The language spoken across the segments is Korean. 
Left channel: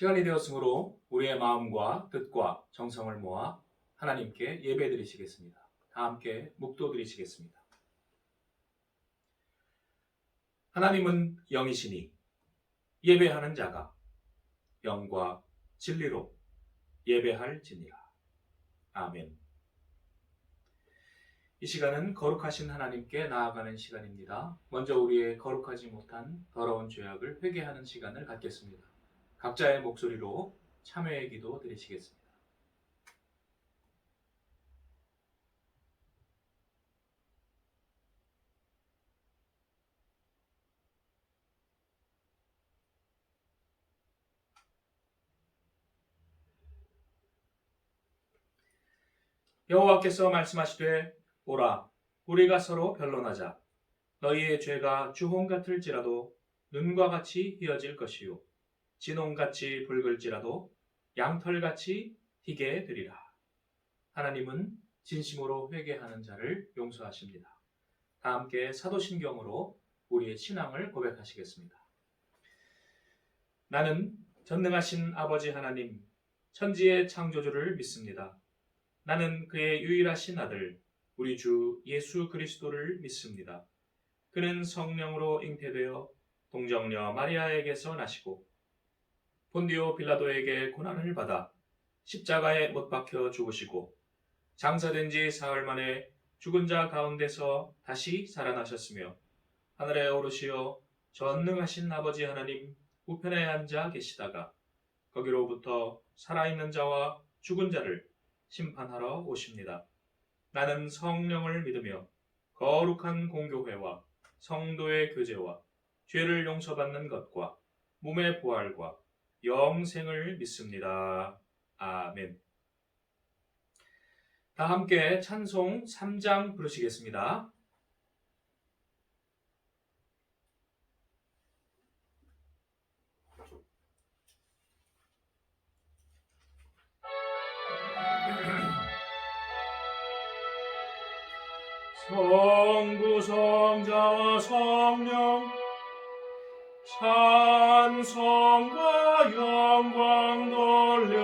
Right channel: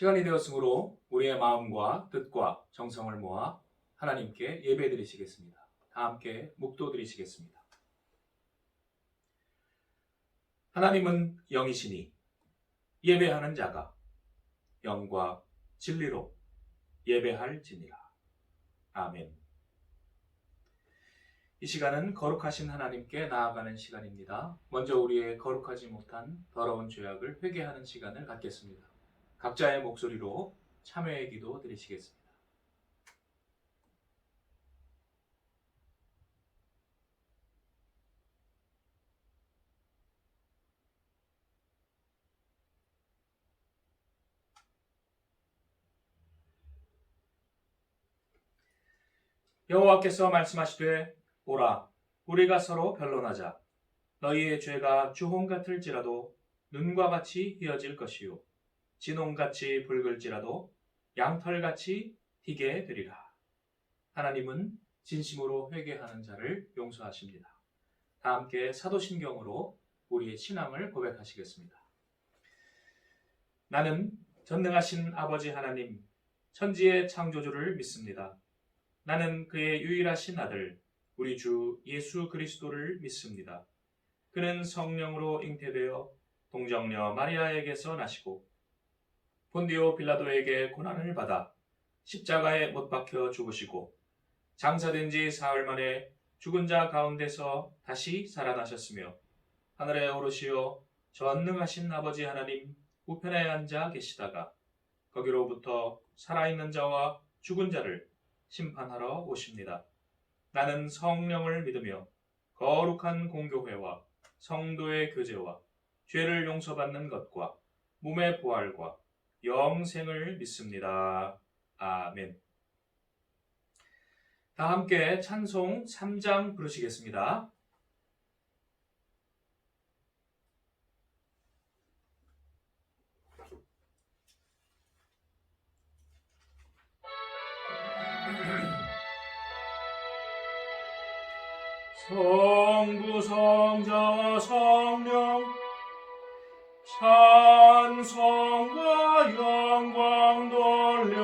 시간이 되었으므로 우리의 마음과 뜻과 정성을 모아 하나님께 예배드리시겠습니다. 다 함께 묵도드리시겠습니다. 하나님은 영이시니 예배하는 자가 영과 진리로 예배할지니라. 아멘. 이 시간은 거룩하신 하나님께 나아가는 시간입니다. 먼저 우리의 거룩하지 못한 더러운 죄악을 회개하는 시간을 갖겠습니다. 각자의 목소리로 참회의 기도 드리시겠습니다. 여호와께서 말씀하시되 오라 우리가 서로 변론하자. 너희의 죄가 주홍 같을지라도 눈과 같이 희어질 것이요 진홍같이 붉을지라도 양털같이 희게 되리라. 하나님은 진심으로 회개하는 자를 용서하십니다. 다 함께 사도신경으로 우리의 신앙을 고백하시겠습니다. 나는 전능하신 아버지 하나님, 천지의 창조주를 믿습니다. 나는 그의 유일하신 아들, 우리 주 예수 그리스도를 믿습니다. 그는 성령으로 잉태되어 동정녀 마리아에게서 나시고 본디오 빌라도에게 고난을 받아 십자가에 못 박혀 죽으시고 장사된 지 사흘 만에 죽은 자 가운데서 다시 살아나셨으며 하늘에 오르시어 전능하신 아버지 하나님 우편에 앉아 계시다가 거기로부터 살아있는 자와 죽은 자를 심판하러 오십니다. 나는 성령을 믿으며 거룩한 공교회와 성도의 교제와 죄를 용서받는 것과 몸의 부활과 영생을 믿습니다. 아멘. 다 함께 찬송 3장 부르시겠습니다. 성부 성자와 성령 찬송과 영광 돌려보내세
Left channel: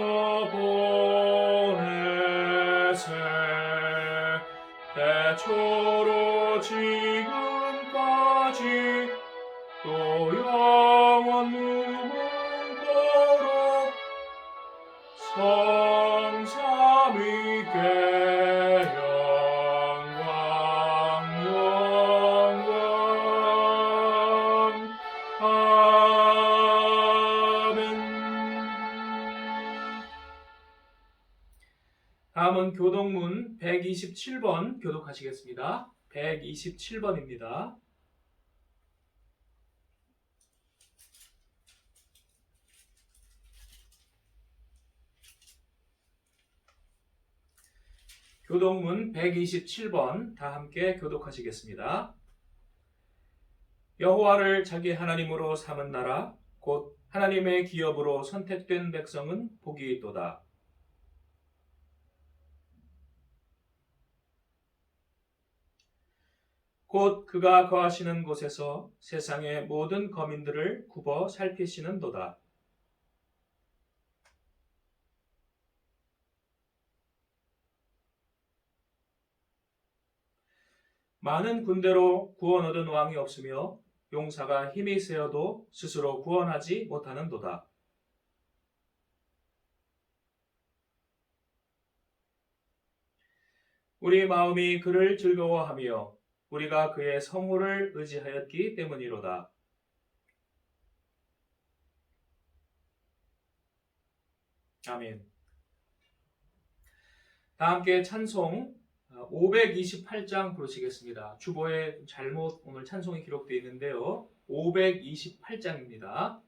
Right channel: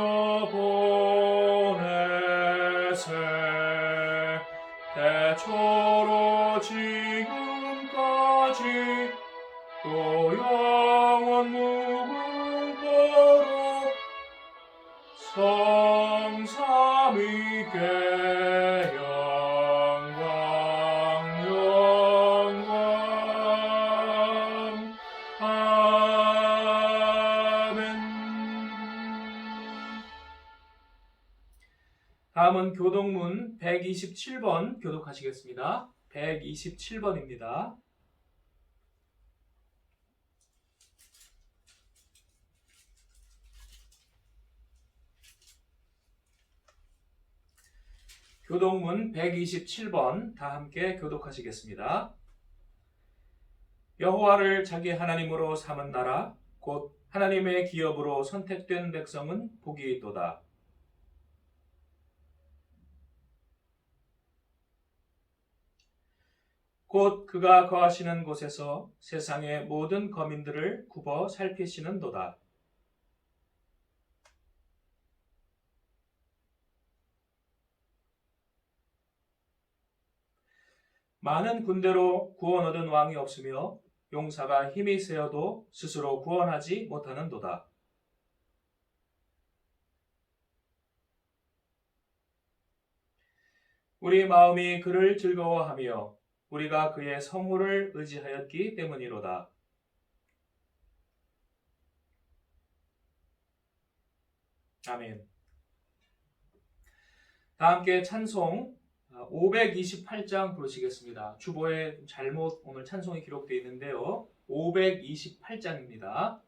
태초로 지금까지 또 영원 무궁토록 성삼위께 영광 아멘. 다음은 교동문 127번 교독하시겠습니다. 127번입니다. 교동문 127번 다 함께 교독하시겠습니다. 여호와를 자기 하나님으로 삼은 나라 곧 하나님의 기업으로 선택된 백성은 복이 있도다. 곧 그가 거하시는 곳에서 세상의 모든 거민들을 굽어 살피시는도다. 많은 군대로 구원 얻은 왕이 없으며 용사가 힘이 세어도 스스로 구원하지 못하는도다. 우리 마음이 그를 즐거워하며 우리가 그의 성호를 의지하였기 때문이로다. 아멘. 다 함께 찬송 528장 부르시겠습니다. 주보에 잘못 오늘 찬송이 기록되어 있는데요. 528장입니다.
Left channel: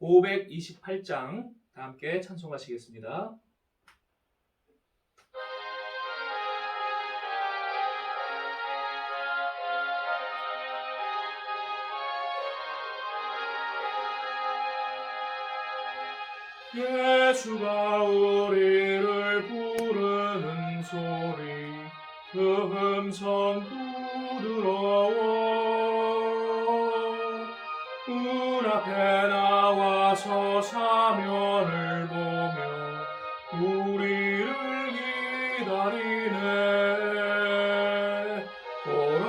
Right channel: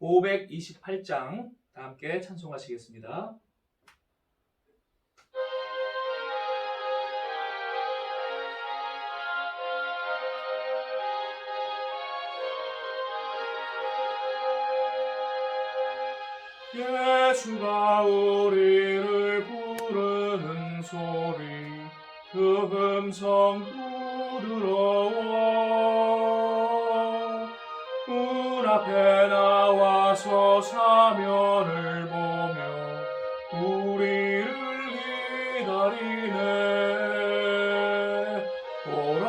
(528장) 다 함께 찬송하시겠습니다. 예수가 우리를 부르는 소리 그 음성 부드러워 문 앞에 나와서 사면을 보며 우리를 기다리네. 오라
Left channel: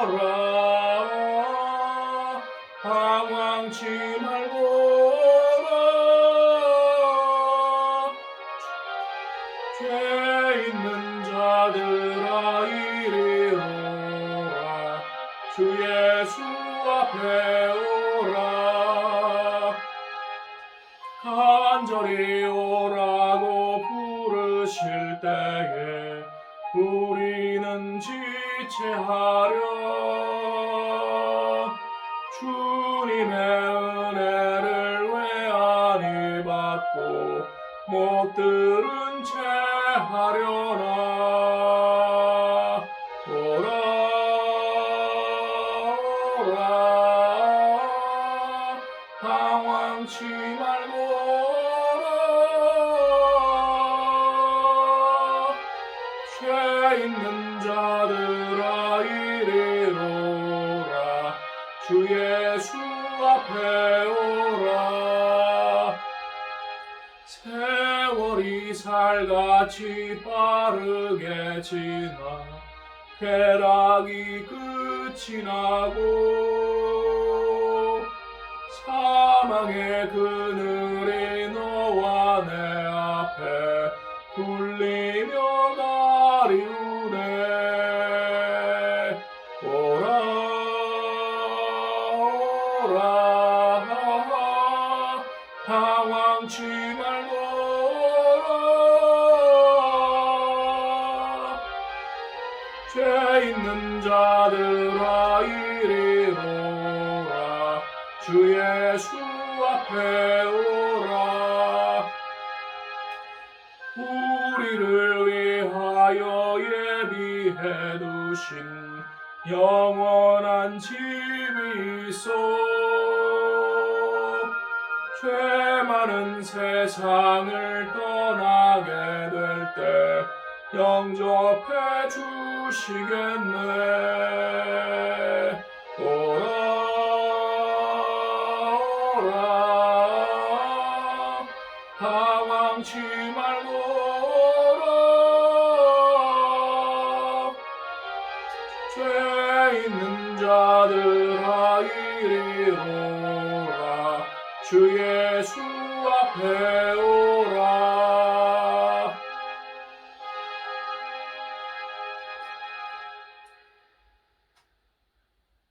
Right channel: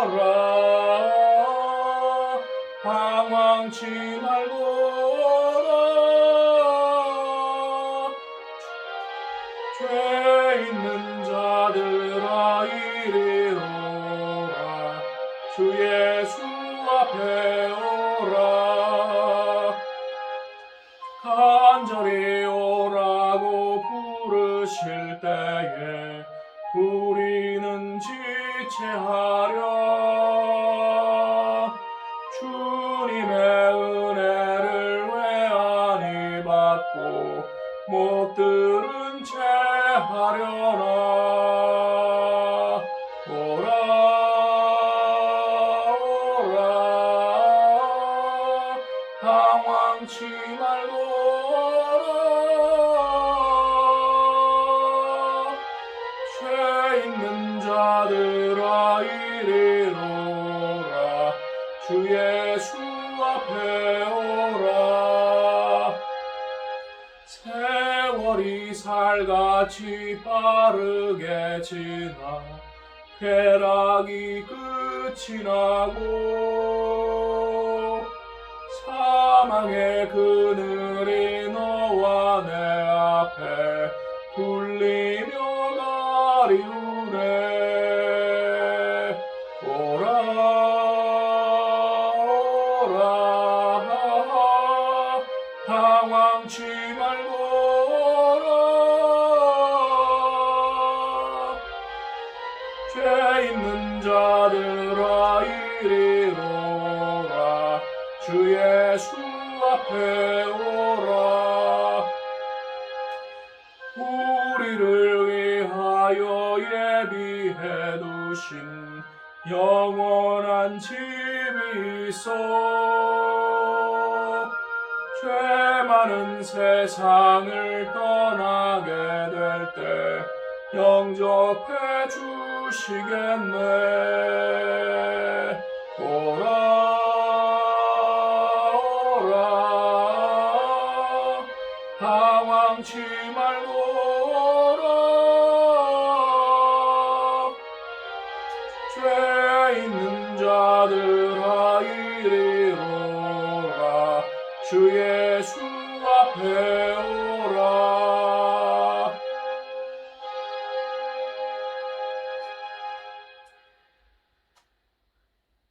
오라 방황치 말고라 죄 있는 자들아 이리로라 주 예수 앞에 오라 간절히 오라고 부르실 때에 우리는 지체하려 주님의 은혜를 왜 아니 받고 못 들은 채 하려나. 오라 오라 방황치 말고라 죄 있는 자들아 이리로라 주 예수 앞에 오라. 세월이 살같이 빠르게 지나 쾌락이 끝이 나고 사망의 그늘이 너와 내 앞에 불리며 가리우네. 오라 오라 방황치 말고라 죄 있는 자들아 이리로라 주 예수 앞에 오라. 우리를 위하여 예비해 두신 영원한 집이 있어 죄 많은 세상을 떠나게 될 때 영접해 주시겠네. 오라 오라 방황치 말고라 죄 있는 자들아 이리로라 주 예수 앞에 오라.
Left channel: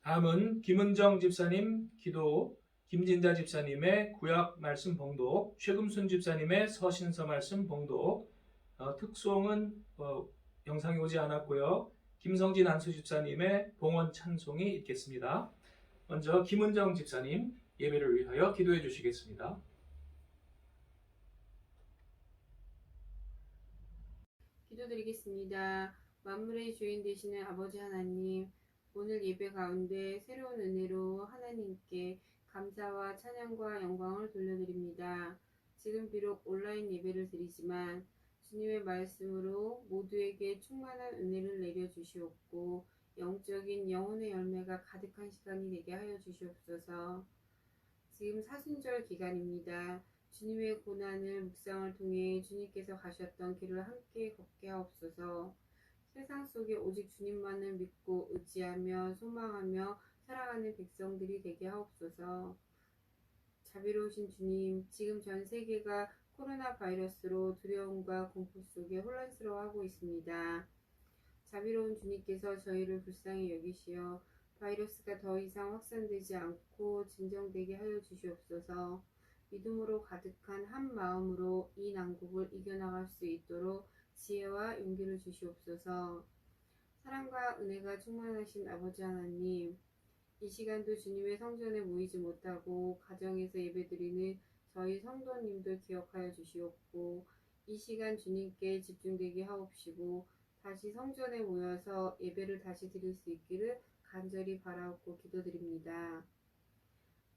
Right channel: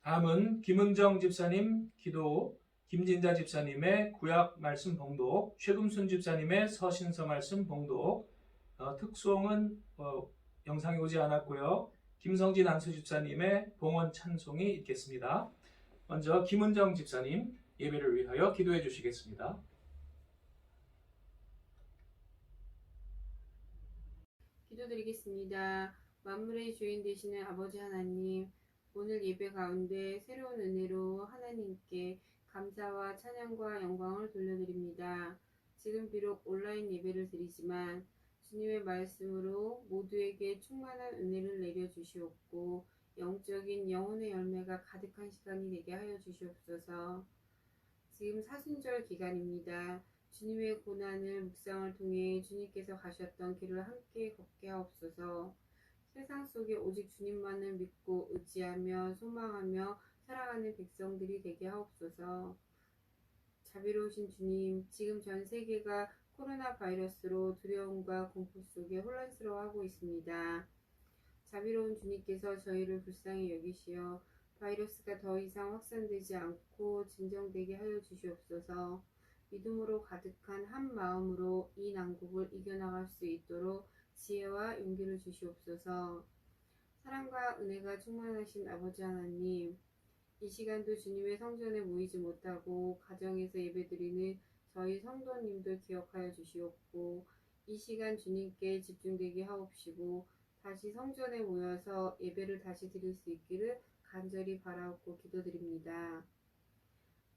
다음은 김은정 집사님 기도, 김진자 집사님의 구약 말씀 봉독, 최금순 집사님의 서신서 말씀 봉독, 특송은 영상이 오지 않았고요. 김성진 안수 집사님의 봉헌 찬송이 있겠습니다. 먼저 김은정 집사님 예배를 위하여 기도해 주시겠습니다. 기도드리겠습니다. 만물의 주인 되시는 아버지 하나님, 오늘 예배 가운데 새로운 은혜로 하나님께 감사와 찬양과 영광을 돌려드립니다. 지금 비록 온라인 예배를 드리지만 주님의 말씀으로 모두에게 충만한 은혜를 내려주시옵고 영적인 영혼의 열매가 가득한 시간이 되게 하여 주시옵소서. 지금 사순절 기간입니다. 주님의 고난을 묵상을 통해 주님께서 가셨던 길을 함께 걷게 하옵소서. 세상 속에 오직 주님만을 믿고 의지하며 소망하며 살아가는 백성들이 되게 하옵소서. 자비로우신 주님, 지금 전 세계가 코로나 바이러스로 두려움과 공포 속에 혼란스러워하고 있습니다. 자비로운 주님께서 저희를 불쌍히 여기시어 바이러스가 더 이상 확산되지 않고 진정되게 하여 주시옵소서. 믿음으로 가득한 한 마음으로 이 난국을 이겨나갈 수 있도록 지혜와 용기를 주시옵소서. 사랑과 은혜가 충만하신 아버지 하나님, 이 시간도 주님의 성전에 모이지 못하고 가정에서 예배드리는 저희 성도님들 기억하여 주시옵고 이 시간 주님께 집중되게 하옵시고 다시 성전에 모여서 예배를 다시 드릴 수 있기를 간절히 바라옵고 기도드립니다.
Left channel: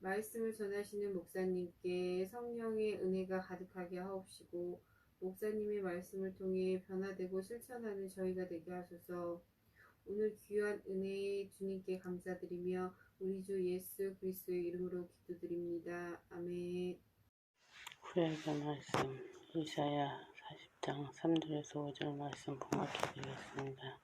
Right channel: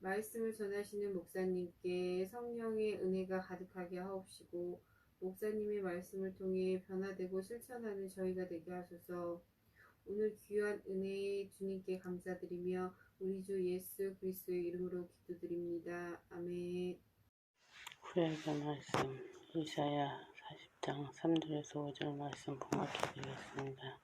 말씀을 전하시는 목사님께 성령의 은혜가 가득하게 하옵시고 목사님의 말씀을 통해 변화되고 실천하는 저희가 되게 하소서. 오늘 귀한 은혜에 주님께 감사드리며 우리 주 예수 그리스도의 이름으로 기도드립니다. 아멘. 구약의 말씀 이사야 40장 3절에서 5절 말씀 봉독해 드리겠습니다.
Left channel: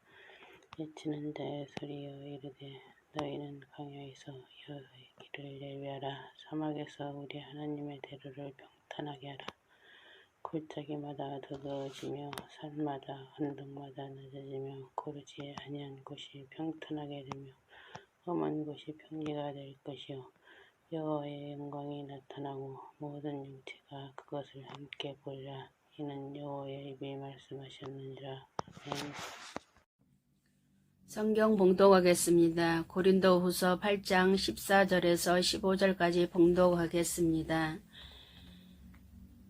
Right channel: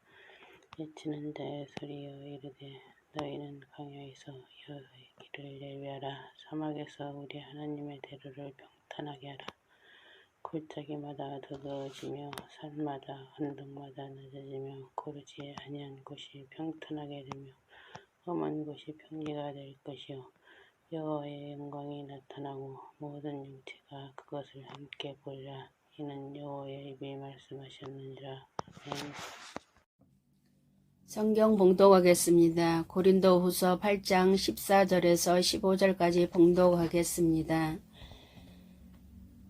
외치는 자의 소리여 이르되 너희는 강야에서 여호와의 길을 예비하라. 사막에서 우리 하나님의 대로를 평탄하게 하라. 골짜기마다 더더워지며 산마다 언덕마다 낮아지며 고르지 아니한 곳이 평탄하게 되며 험한 곳이 평지가 될 것이요 여호와의 영광이 나타나고 모든 육체가 그것을 함께 보리라. 이는 여호와의 입이 말씀하셨느니라. 아멘. 성경 봉독하겠습니다. 고린도후서 8장 14절에서 15절까지 봉독하겠습니다.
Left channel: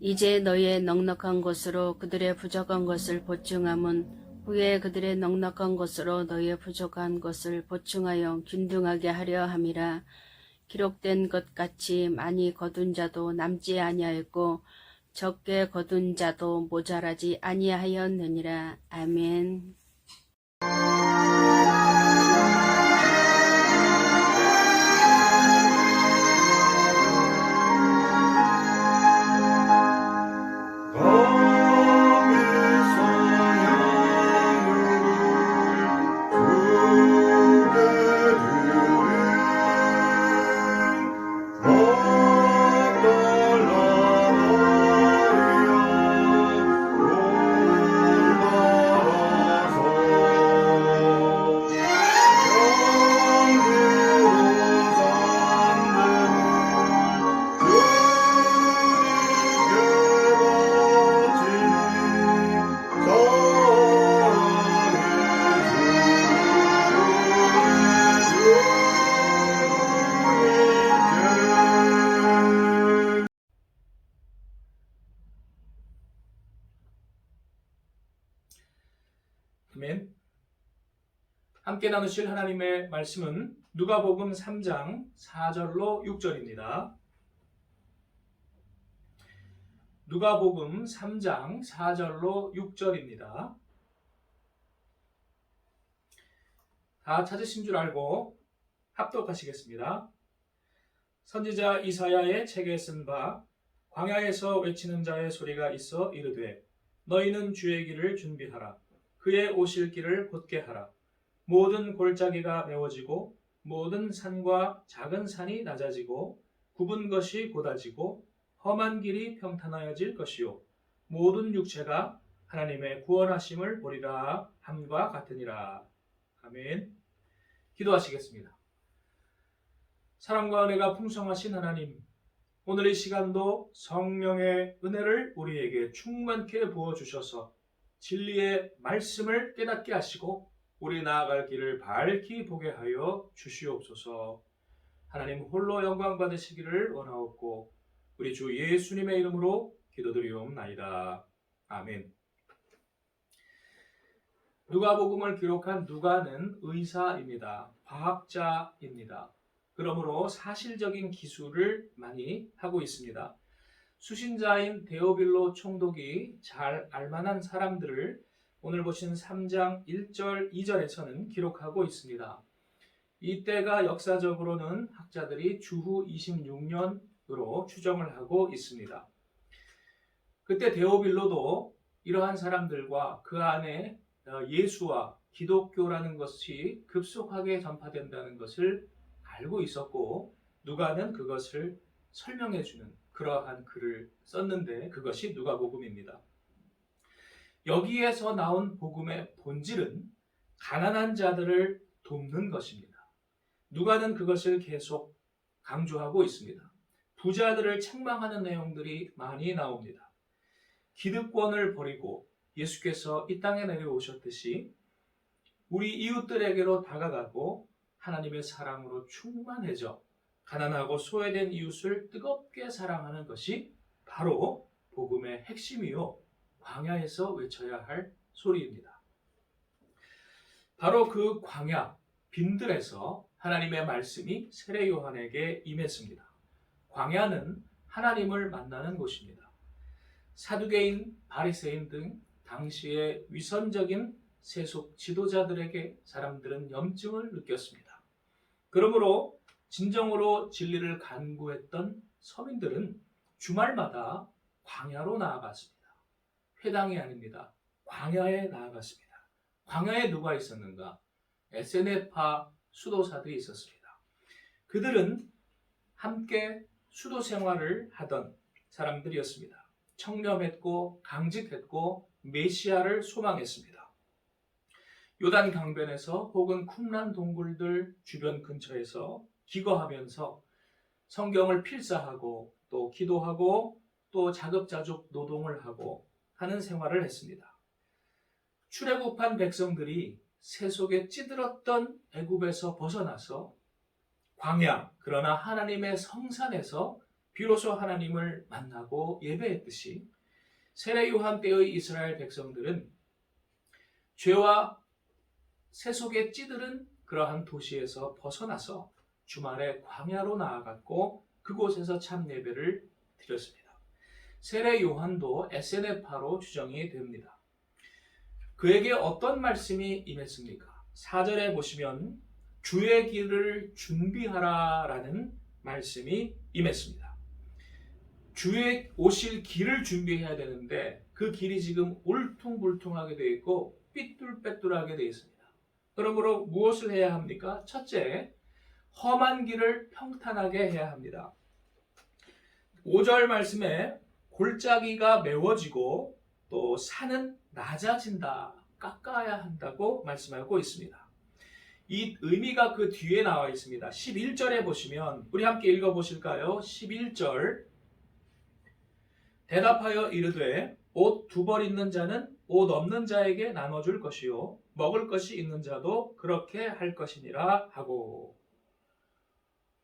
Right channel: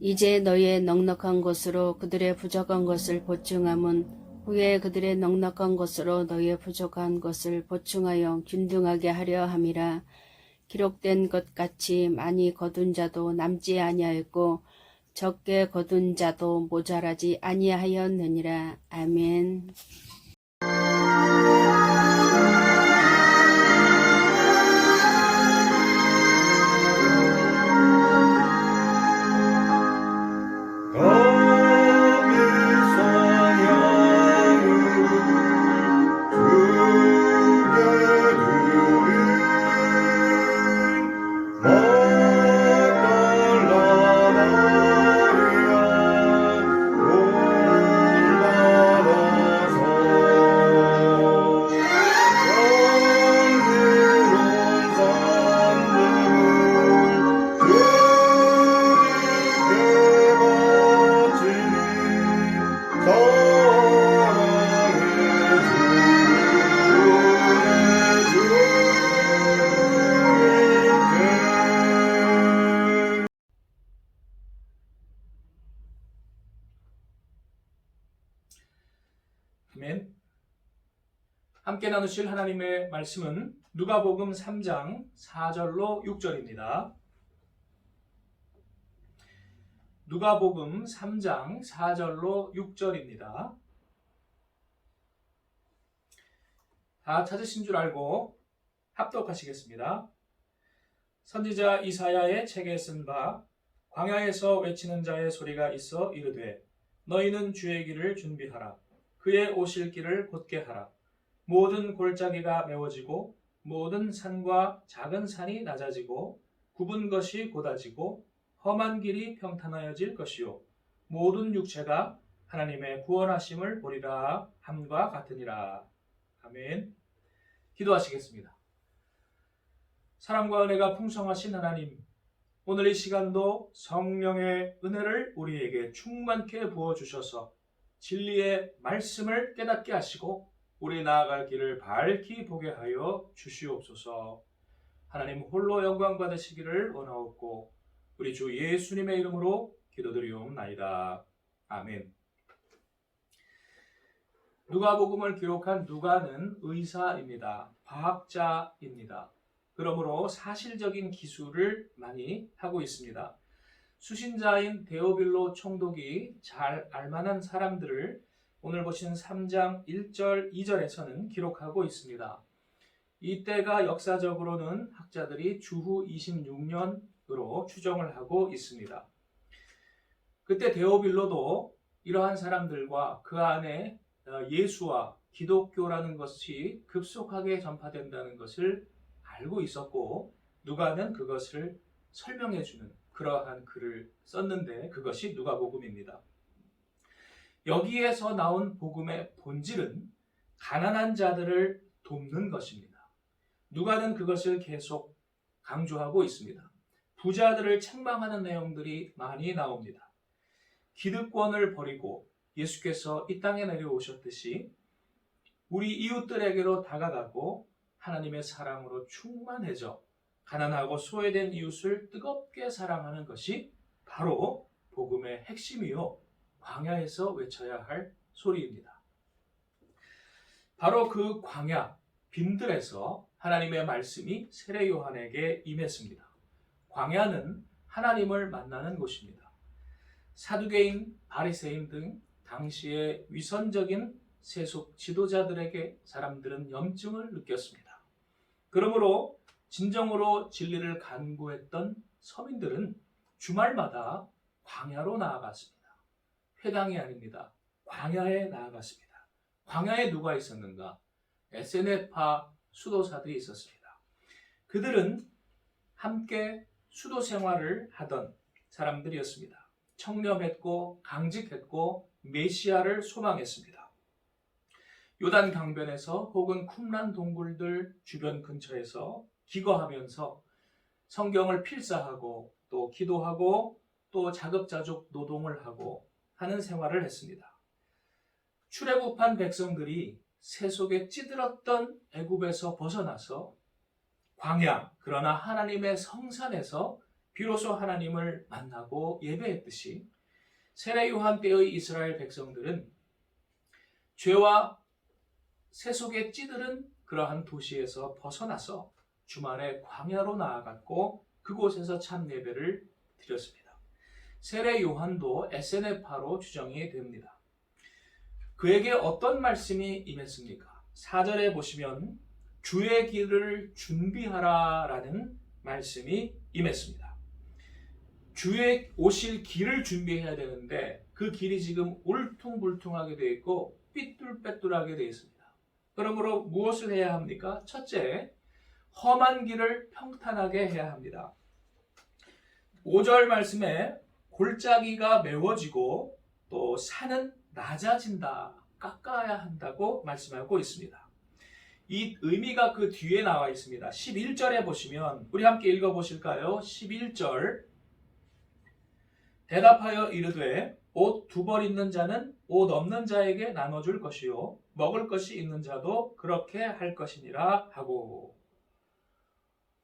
이제 너희의 넉넉한 것으로 그들의 부족한 것을 보충함은 후에 그들의 넉넉한 것으로 너희의 부족한 것을 보충하여 균등하게 하려 함이라. 기록된 것 같이 많이 거둔 자도 남지 아니하였고 적게 거둔 자도 모자라지 아니하였느니라. 아멘. 아멘. 함께 나누실 하나님의 말씀은 누가복음 3장 4절로 6절입니다. 누가복음 3장 4절로 6절입니다. 다 찾으신 줄 알고 합독하시겠습니다. 선지자 이사야의 책에 쓴 바 광야에서 외치는 자의 소리가 있어 이르되 너희는 주의 길을 준비하라. 그의 오실 길을 곧게 하라. 모든 골짜기가 메워지고 모든 산과 작은 산이 낮아지고 굽은 것이 곧아지고 험한 길이 평탄하여질 것이요 모든 육체가 하나님의 구원하심을 보리라 함과 같으니라. 아멘. 기도하시겠습니다. 사랑과 은혜가 풍성하신 하나님, 오늘 이 시간도 성령의 은혜를 우리에게 충만케 부어주셔서 진리의 말씀을 깨닫게 하시고 우리 나아갈 길을 밝히 보게 하여 주시옵소서. 하나님 홀로 영광 받으시기를 원하옵고 우리 주 예수님의 이름으로 기도드리옵나이다. 아멘. 누가복음을 기록한 누가는 의사입니다. 과학자입니다. 그러므로 사실적인 기술을 많이 하고 있습니다. 수신자인 데오빌로 총독이 잘 알만한 사람들을 오늘 보신 3장 1절, 2절에서는 기록하고 있습니다. 이때가 역사적으로는 학자들이 주후 26년으로 추정을 하고 있습니다. 그때 데오빌로도 이러한 사람들과 그 안에 예수와 기독교라는 것이 급속하게 전파된다는 것을 알고 있었고 누가는 그것을 설명해주는 그러한 글을 썼는데 그것이 누가복음입니다. 여기에서 나온 복음의 본질은 가난한 자들을 돕는 것입니다. 누가는 그것을 계속 강조하고 있습니다. 부자들을 책망하는 내용들이 많이 나옵니다. 기득권을 버리고 예수께서 이 땅에 내려오셨듯이 우리 이웃들에게로 다가가고 하나님의 사랑으로 충만해져 가난하고 소외된 이웃을 뜨겁게 사랑하는 것이 바로 복음의 핵심이요 광야에서 외쳐야 할 소리입니다. 바로 그 광야 빈들에서 하나님의 말씀이 세례 요한에게 임했습니다. 광야는 하나님을 만나는 곳입니다. 사두개인, 바리새인 등 당시의 위선적인 세속 지도자들에게 사람들은 염증을 느꼈습니다. 그러므로 진정으로 진리를 간구했던 서민들은 주말마다 광야로 나아갔습니다. 회당이 아닙니다. 광야에 나아갔습니다. 광야에 누가 있었는가? 에세네파 수도사들이 있었습니다. 그들은 함께 수도 생활을 하던 사람들이었습니다. 청렴했고 강직했고 메시아를 소망했습니다. 요단 강변에서 혹은 쿰란 동굴들 주변 근처에서 기거하면서 성경을 필사하고 또 기도하고 또 자급자족 노동을 하고 하는 생활을 했습니다. 출애굽한 백성들이 세속에 찌들었던 애굽에서 벗어나서 광야, 그러나 하나님의 성산에서 비로소 하나님을 만나고 예배했듯이 세례 요한 때의 이스라엘 백성들은 죄와 세속에 찌들은 그러한 도시에서 벗어나서 주말에 광야로 나아갔고 그곳에서 참 예배를 드렸습니다. 세례 요한도 에세네파로 추정이 됩니다. 그에게 어떤 말씀이 임했습니까? 4절에 보시면 주의 길을 준비하라 라는 말씀이 임했습니다. 주의 오실 길을 준비해야 되는데 그 길이 지금 울퉁불퉁하게 되어 있고 삐뚤빼뚤하게 되어 있습니다. 그러므로 무엇을 해야 합니까? 첫째, 험한 길을 평탄하게 해야 합니다. 5절 말씀에 골짜기가 메워지고 또 산은 낮아진다, 깎아야 한다고 말씀하고 있습니다. 이 의미가 그 뒤에 나와 있습니다. 11절에 보시면 우리 함께 읽어보실까요? 11절 대답하여 이르되 옷 두 벌 있는 자는 옷 없는 자에게 나눠줄 것이요 먹을 것이 있는 자도 그렇게 할 것이니라 하고,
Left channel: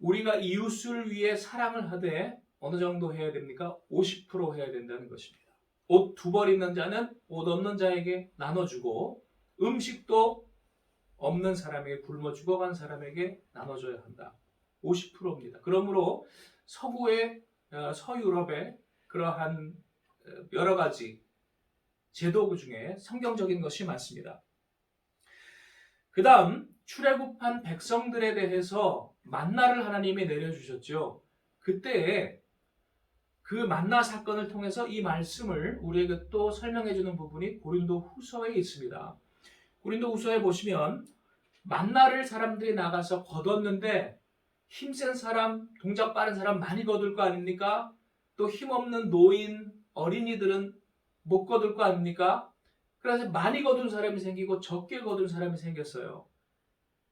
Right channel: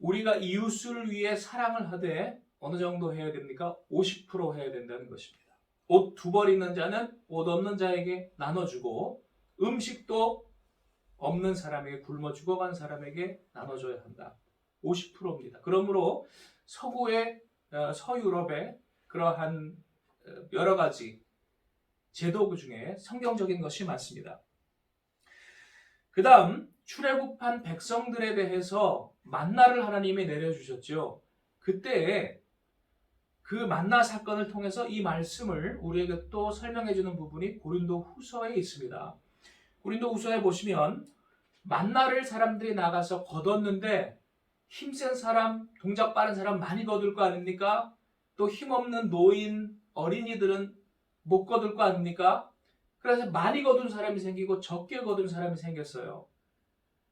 우리가 이웃을 위해 사랑을 하되 어느 정도 해야 됩니까? 50% 해야 된다는 것입니다. 옷 두 벌 있는 자는 옷 없는 자에게 나눠주고 음식도 없는 사람에게, 굶어 죽어간 사람에게 나눠줘야 한다. 50%입니다. 그러므로 서유럽의 그러한 여러 가지 제도 중에 성경적인 것이 많습니다. 그 다음 출애굽한 백성들에 대해서 만나를 하나님이 내려주셨죠. 그때 그 만나 사건을 통해서 이 말씀을 우리에게 또 설명해 주는 부분이 고린도 후서에 있습니다. 고린도 후서에 보시면 만나를 사람들이 나가서 거뒀는데 힘센 사람, 동작 빠른 사람 많이 거둘 거 아닙니까? 또 힘없는 노인, 어린이들은 못 거둘 거 아닙니까? 그래서 많이 거둔 사람이 생기고 적게 거둔 사람이 생겼어요.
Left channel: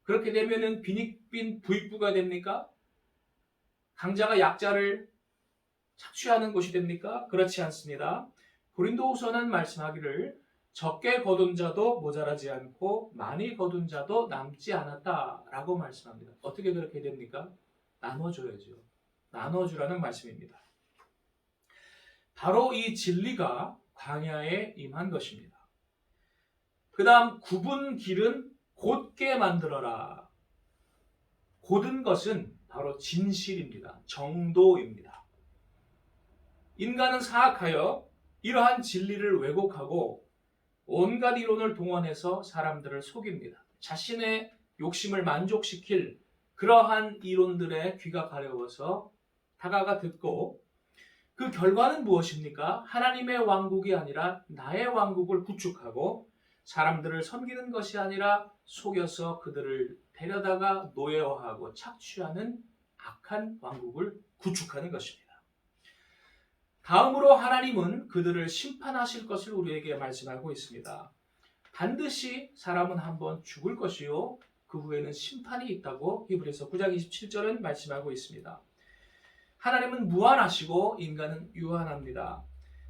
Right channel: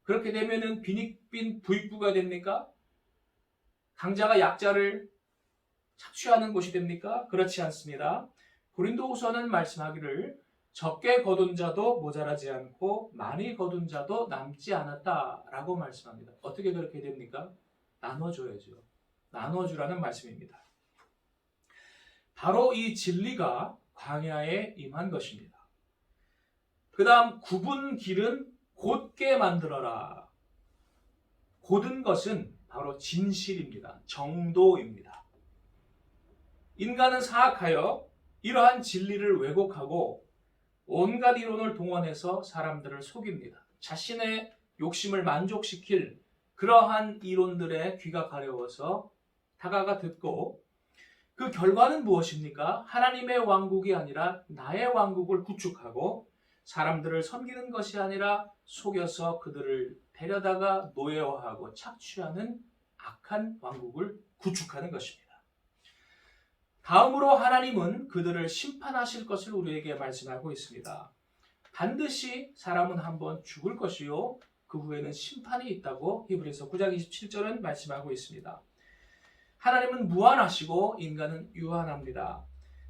그렇게 되면은 빈익빈 부익부가 됩니까? 강자가 약자를 착취하는 곳이 됩니까? 그렇지 않습니다. 고린도후서는 말씀하기를 적게 거둔 자도 모자라지 않고 많이 거둔 자도 남지 않았다라고 말씀합니다. 어떻게 그렇게 됩니까? 나눠줘야죠. 나눠주라는 말씀입니다. 바로 이 진리가 광야에 임한 것입니다. 그 다음 굽은 길은 곧게 만들어라. 곧은 것은 바로 진실입니다. 정도입니다. 인간은 사악하여 이러한 진리를 왜곡하고 온갖 이론을 동원해서 사람들을 속입니다. 자신의 욕심을 만족시킬 그러한 이론들에 귀가 가려워서 다가가 듣고 그 결과는 무엇입니까? 하나님의 왕국이 아니라 나의 왕국을 구축하고 사람들을 섬기는 것이 아니라 속여서 그들을 데려다가 노예화하고 착취하는 악한 왕국을 구축하는 것입니다. 다음으로 하나님은 그들을 심판하실 것을 우리에게 말씀하고 있습니다. 반드시 사람은 한번 죽을 것이요 그 후에는 심판이 있다고 히브리서 9장 27절은 말씀하고 있습니다. 하나님은 무한하시고 인간은 유한합니다.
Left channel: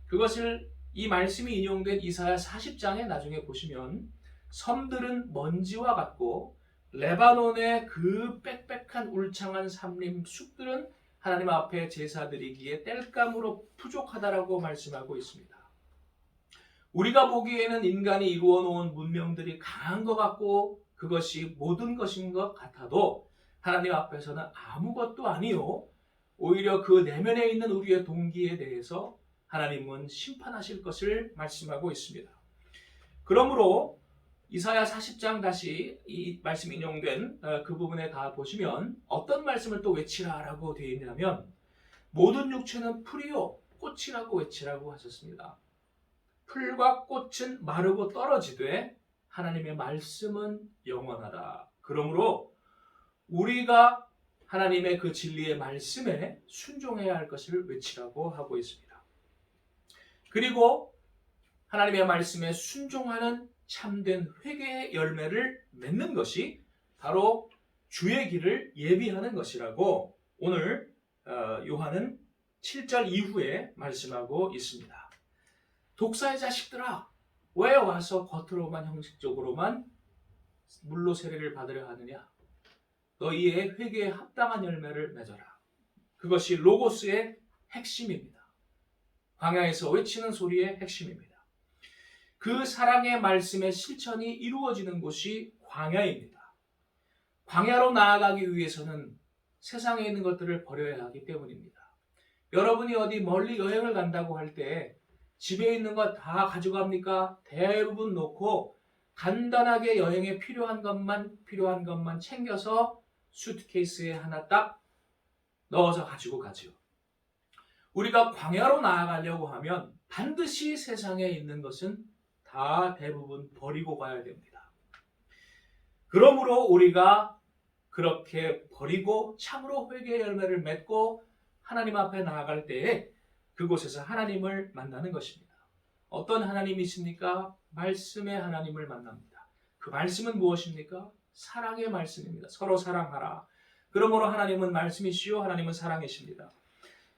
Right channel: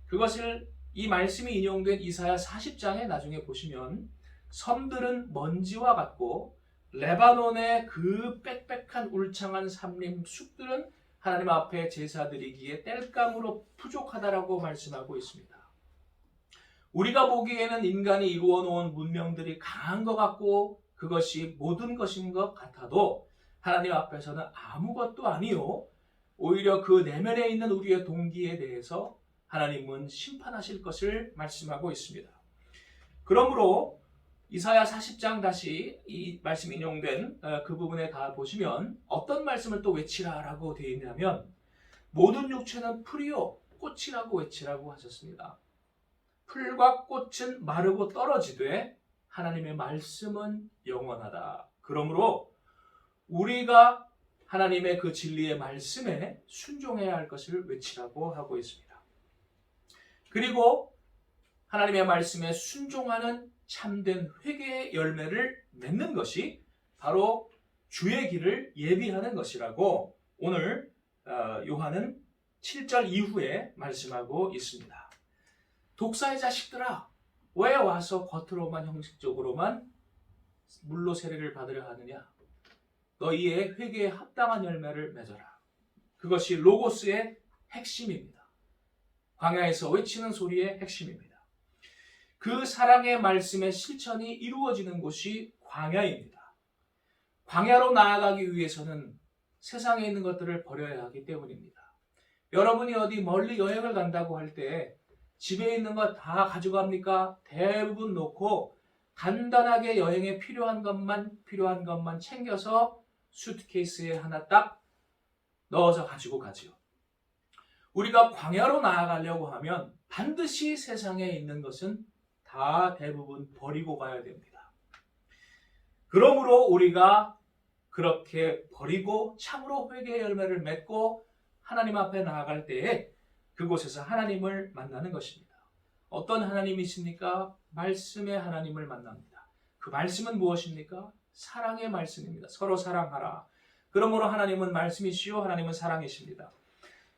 그것을 이 말씀이 인용된 이사야 40장에 나중에 보시면 섬들은 먼지와 같고 레바논의 그 빽빽한 울창한 산림 숲들은 하나님 앞에 제사 드리기에 땔감으로 부족하다라고 말씀하고 있습니다. 우리가 보기에는 인간이 이루어 놓은 문명들이 강한 것 같고 그것이 모든 것인 것 같아도 하나님 앞에서는 아무것도 아니요 오히려 그 내면에 있는 우리의 동기에 대해서 하나님은 심판하실 것을 말씀하고 있습니다. 그러므로 이사야 40장 다시 이 말씀 인용된 그 부분에 가 보시면 어떤 말씀을 또 외치라라고 되어 있냐면 모든 육체는 풀이요 꽃이라고 외치라고 하셨습니다. 풀과 꽃은 마르고 떨어지되 하나님의 말씀은 영원하다. 그러므로 우리가 하나님의 그 진리의 말씀에 순종해야 할 것을 외치라고 하고 있습니다. 그리고 하나님의 말씀에 순종하는 참된 회개의 열매를 맺는 것이 바로 주의 길을 예비하는 것이라고 오늘 요한은 7절 이후에 말씀하고 있습니다. 독사의 자식들아, 왜 와서 겉으로만 형식적으로만 물로 세례를 받으려 하느냐? 너희의 회개에 합당한 열매를 맺어라. 그것이 로고스의 핵심입니다. 광야에서 외치는 소리의 핵심입니다. 그 사랑의 말씀의 실천이 이루어지는 곳이 광야입니다. 광야로 나아가기 위해서는 세상에 있는 것들을 버려야 하기 때문입니다. 여러분이 어디 멀리 여행을 간다고 할 때 집에 있는 것 다 가져갑니까? 대부분 놓고 간단하게 여행에 필요한 것만 챙겨서 수트케이스에 하나 딱 넣어서 가지고 가지요. 우리가 광야로 나아가려고 하면 반드시 세상에 있는 것은 다 대부분 버리고 가야 됩니다. 그러므로 우리가 그렇게 버리고 참으로 회개의 열매를 맺고 하나님 앞에 나아갈 때에 그곳에서 하나님을 만나는 것입니다. 어떤 하나님이십니까? 말씀의 하나님을 만납니다. 그 말씀은 무엇입니까? 사랑의 말씀입니다. 서로 사랑하라. 그러므로 하나님은 말씀이시요 하나님은 사랑이십니다.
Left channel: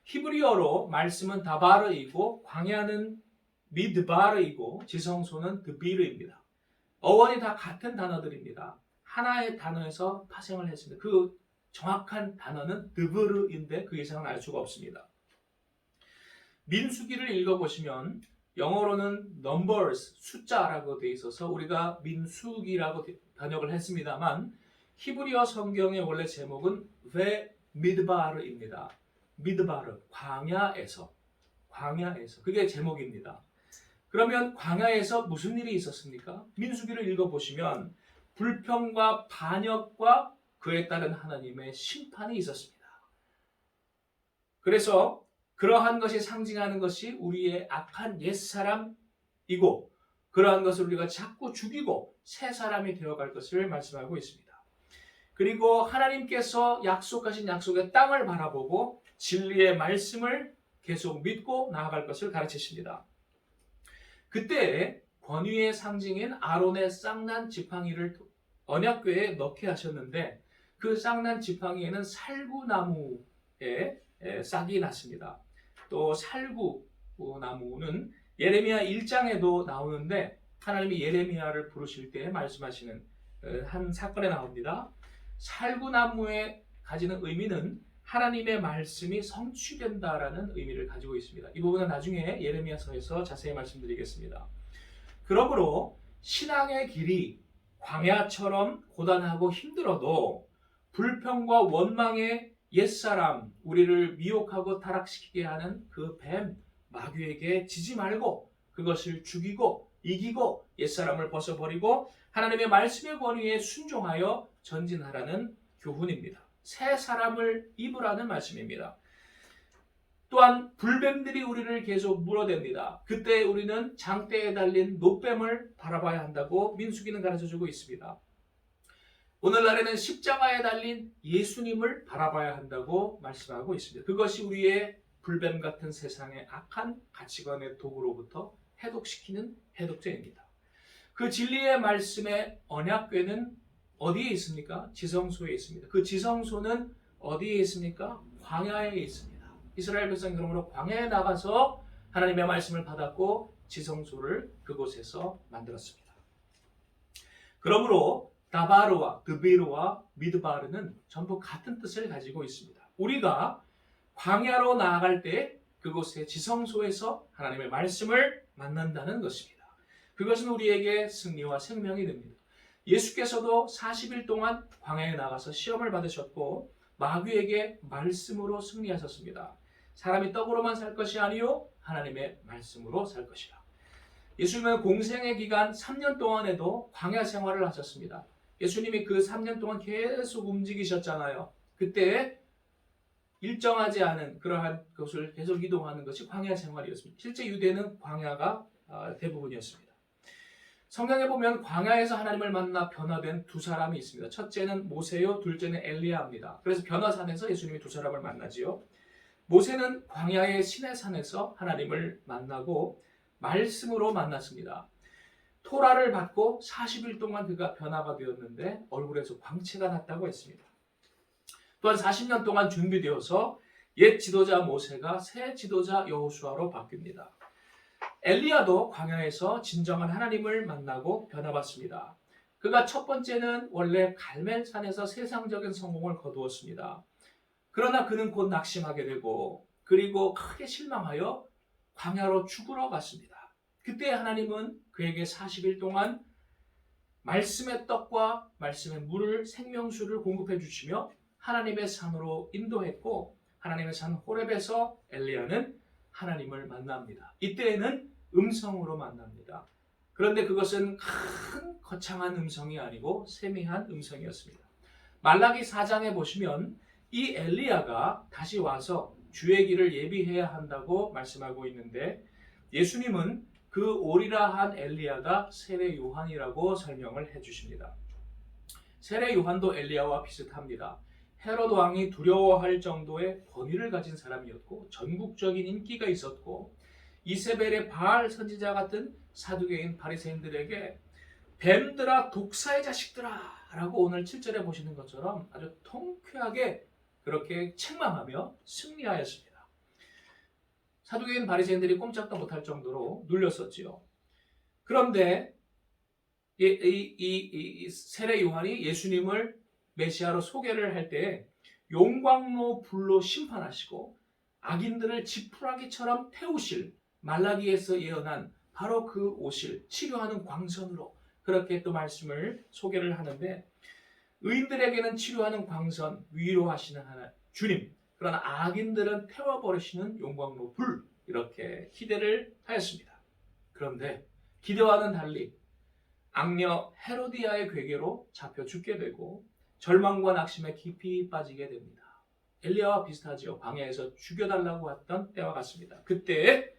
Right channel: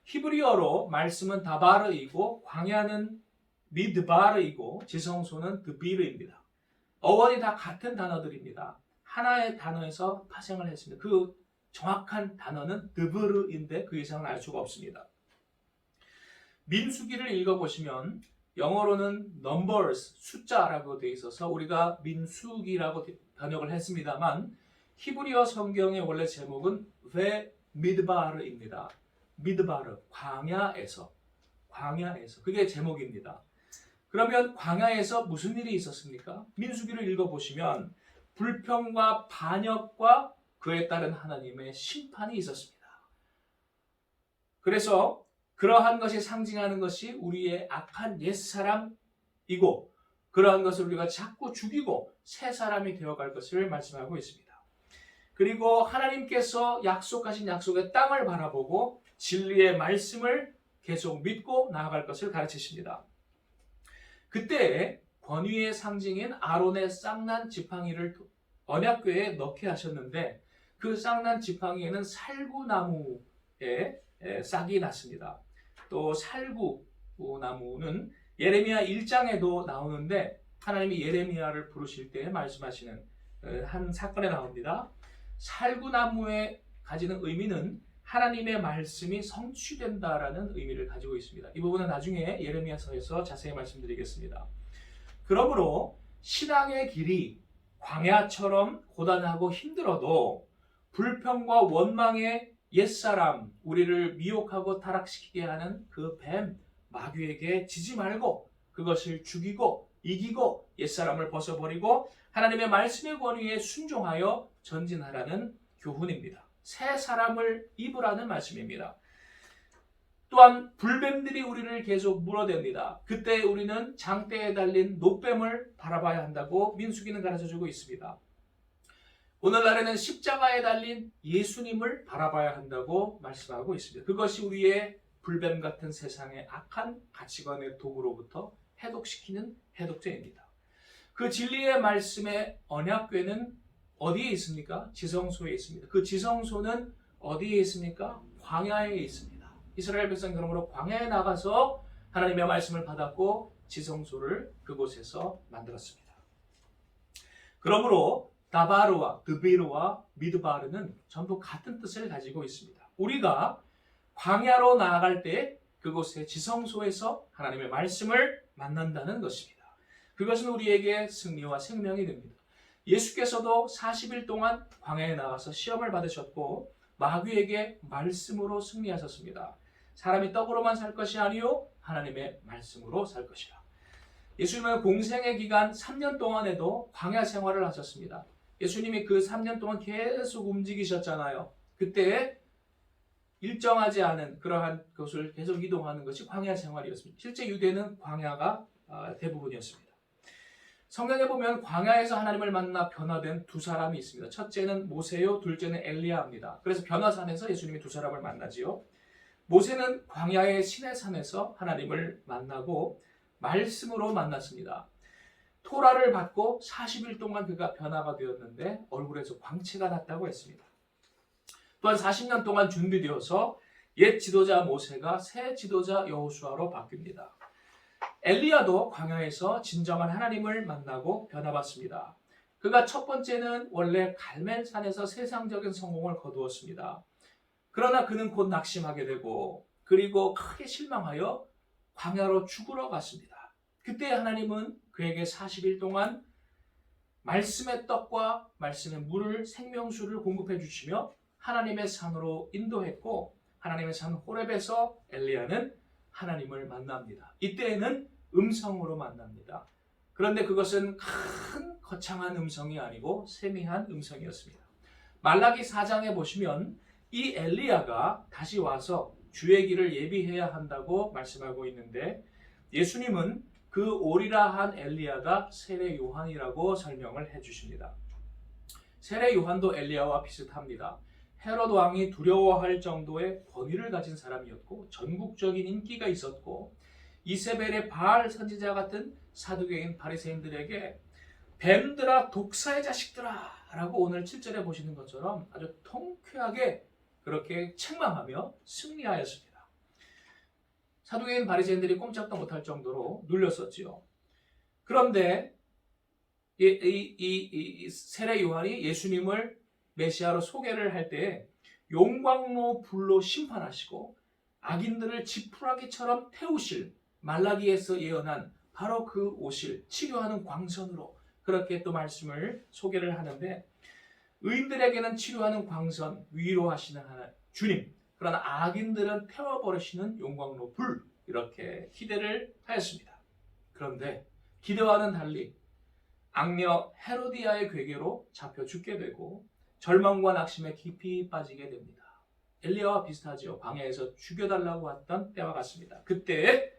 히브리어로 말씀은 다바르이고 광야는 미드바르이고 지성소는 드비르입니다. 어원이 다 같은 단어들입니다. 하나의 단어에서 파생을 했습니다. 그 정확한 단어는 드브르인데 그 이상은 알 수가 없습니다. 민수기를 읽어보시면 영어로는 numbers, 숫자라고 되어 있어서 우리가 민수기라고 번역을 했습니다만 히브리어 성경의 원래 제목은 베 미드바르입니다. 미드바르, 광야에서 그게 제목입니다. 그러면 광야에서 무슨 일이 있었습니까? 민수기를 읽어보시면 불평과 반역과 그에 따른 하나님의 심판이 있었습니다. 그래서 그러한 것이 상징하는 것이 우리의 악한 옛사람이고 그러한 것을 우리가 자꾸 죽이고 새 사람이 되어갈 것을 말씀하고 있습니다. 그리고 하나님께서 약속하신 약속의 땅을 바라보고 진리의 말씀을 계속 믿고 나아갈 것을 가르치십니다. 그때 권위의 상징인 아론의 쌍난 지팡이를 언약궤에 넣게 하셨는데 그 쌍난 지팡이에는 살구나무에 싹이 났습니다. 또 살구나무는 예레미야 1장에도 나오는데 하나님이 예레미야를 부르실 때 말씀하시는 한 사건에 나옵니다. 살구나무에 가지는 의미는 하나님의 말씀이 성취된다라는 의미를 가지고 있습니다. 이 부분은 나중에 예레미야서에서 자세히 말씀드리겠습니다. 그러므로 신앙의 길이 광야처럼 고단하고 힘들어도 불평과 원망의 옛사람, 우리를 미혹하고 타락시키게 하는 그 뱀, 마귀에게 지지 말고 그것을 죽이고 이기고 옛사람을 벗어버리고 하나님의 말씀의 권위에 순종하여 전진하라는 교훈입니다. 새 사람을 입으라는 말씀입니다. 또한 불뱀들이 우리를 계속 물어댑니다. 그때 우리는 장대에 달린 노뱀을 바라봐야 한다고 민수기는 가르쳐주고 있습니다. 오늘날에는 십자가에 달린 예수님을 바라봐야 한다고 말씀하고 있습니다. 그것이 우리의 불뱀 같은 세상의 악한 가치관의 도구로부터 해독시키는 해독제입니다. 그 진리의 말씀의 언약궤는 어디에 있습니까? 지성소에 있습니다. 그 지성소는 어디에 있습니까? 광야에 있습니다. 이스라엘 백성이 그러므로 광야에 나가서 하나님의 말씀을 받았고 지성소를 그곳에서 만들었습니다. 그러므로 다바르와 드비르와 미드바르는 전부 같은 뜻을 가지고 있습니다. 우리가 광야로 나아갈 때 그곳의 지성소에서 하나님의 말씀을 만난다는 것입니다. 그것은 우리에게 승리와 생명이 됩니다. 예수께서도 40일 동안 광야에 나가서 시험을 받으셨고 마귀에게 말씀으로 승리하셨습니다. 사람이 떡으로만 살 것이 아니요 하나님의 말씀으로 살 것이라. 예수님은 공생의 기간 3년 동안에도 광야 생활을 하셨습니다. 예수님이 그 3년 동안 계속 움직이셨잖아요. 그때 일정하지 않은 그러한 것을 계속 이동하는 것이 광야 생활이었습니다. 실제 유대는 광야가 대부분이었습니다. 성경에 보면 광야에서 하나님을 만나 변화된 두 사람이 있습니다. 첫째는 모세요, 둘째는 엘리야입니다. 그래서 변화산에서 예수님이 두 사람을 만나지요. 모세는 광야의 시내산에서 하나님을 만나고 말씀으로 만났습니다. 토라를 받고 40일 동안 그가 변화가 되었는데 얼굴에서 광채가 났다고 했습니다. 또한 40년 동안 준비되어서 옛 지도자 모세가 새 지도자 여호수아로 바뀝니다. 엘리야도 광야에서 진정한 하나님을 만나고 변화받습니다. 그가 첫 번째는 원래 갈멜산에서 세상적인 성공을 거두었습니다. 그러나 그는 곧 낙심하게 되고 그리고 크게 실망하여 광야로 죽으러 갔습니다. 그때 하나님은 그에게 40일 동안 말씀의 떡과 말씀의 물을 생명수를 공급해 주시며 하나님의 산으로 인도했고 하나님의 산 호렙에서 엘리야는 하나님을 만납니다. 이때에는 음성으로 만납니다. 그런데 그것은 큰 거창한 음성이 아니고 세미한 음성이었습니다. 말라기 4장에 보시면 이 엘리야가 다시 와서 주의 길을 예비해야 한다고 말씀하고 있는데 예수님은 그 오리라 한 엘리야가 세례 요한이라고 설명을 해주십니다. 세례 요한도 엘리야와 비슷합니다. 헤롯 왕이 두려워할 정도의 권위를 가진 사람이었고 전국적인 인기가 있었고 이세벨의 바알 선지자 같은 사두개인 바리새인들에게 뱀들아 독사의 자식들아 라고 오늘 7절에 보시는 것처럼 아주 통쾌하게 그렇게 책망하며 승리하였습니다. 사두개인 바리새인들이 꼼짝도 못할 정도로 눌렸었지요. 그런데 이 세례 요한이 예수님을 메시아로 소개를 할 때 용광로 불로 심판하시고 악인들을 지푸라기처럼 태우실 말라기에서 예언한 바로 그 오실 치료하는 광선으로 그렇게 또 말씀을 소개를 하는데 의인들에게는 치료하는 광선 위로하시는 하나 주님 그러나 악인들은 태워버리시는 용광로 불 이렇게 기대를 하였습니다. 그런데 기대와는 달리 악녀 헤로디아의 괴계로 잡혀 죽게 되고 절망과 낙심에 깊이 빠지게 됩니다. 엘리야와 비슷하지요. 광야에서 죽여달라고 했던 때와 같습니다. 그때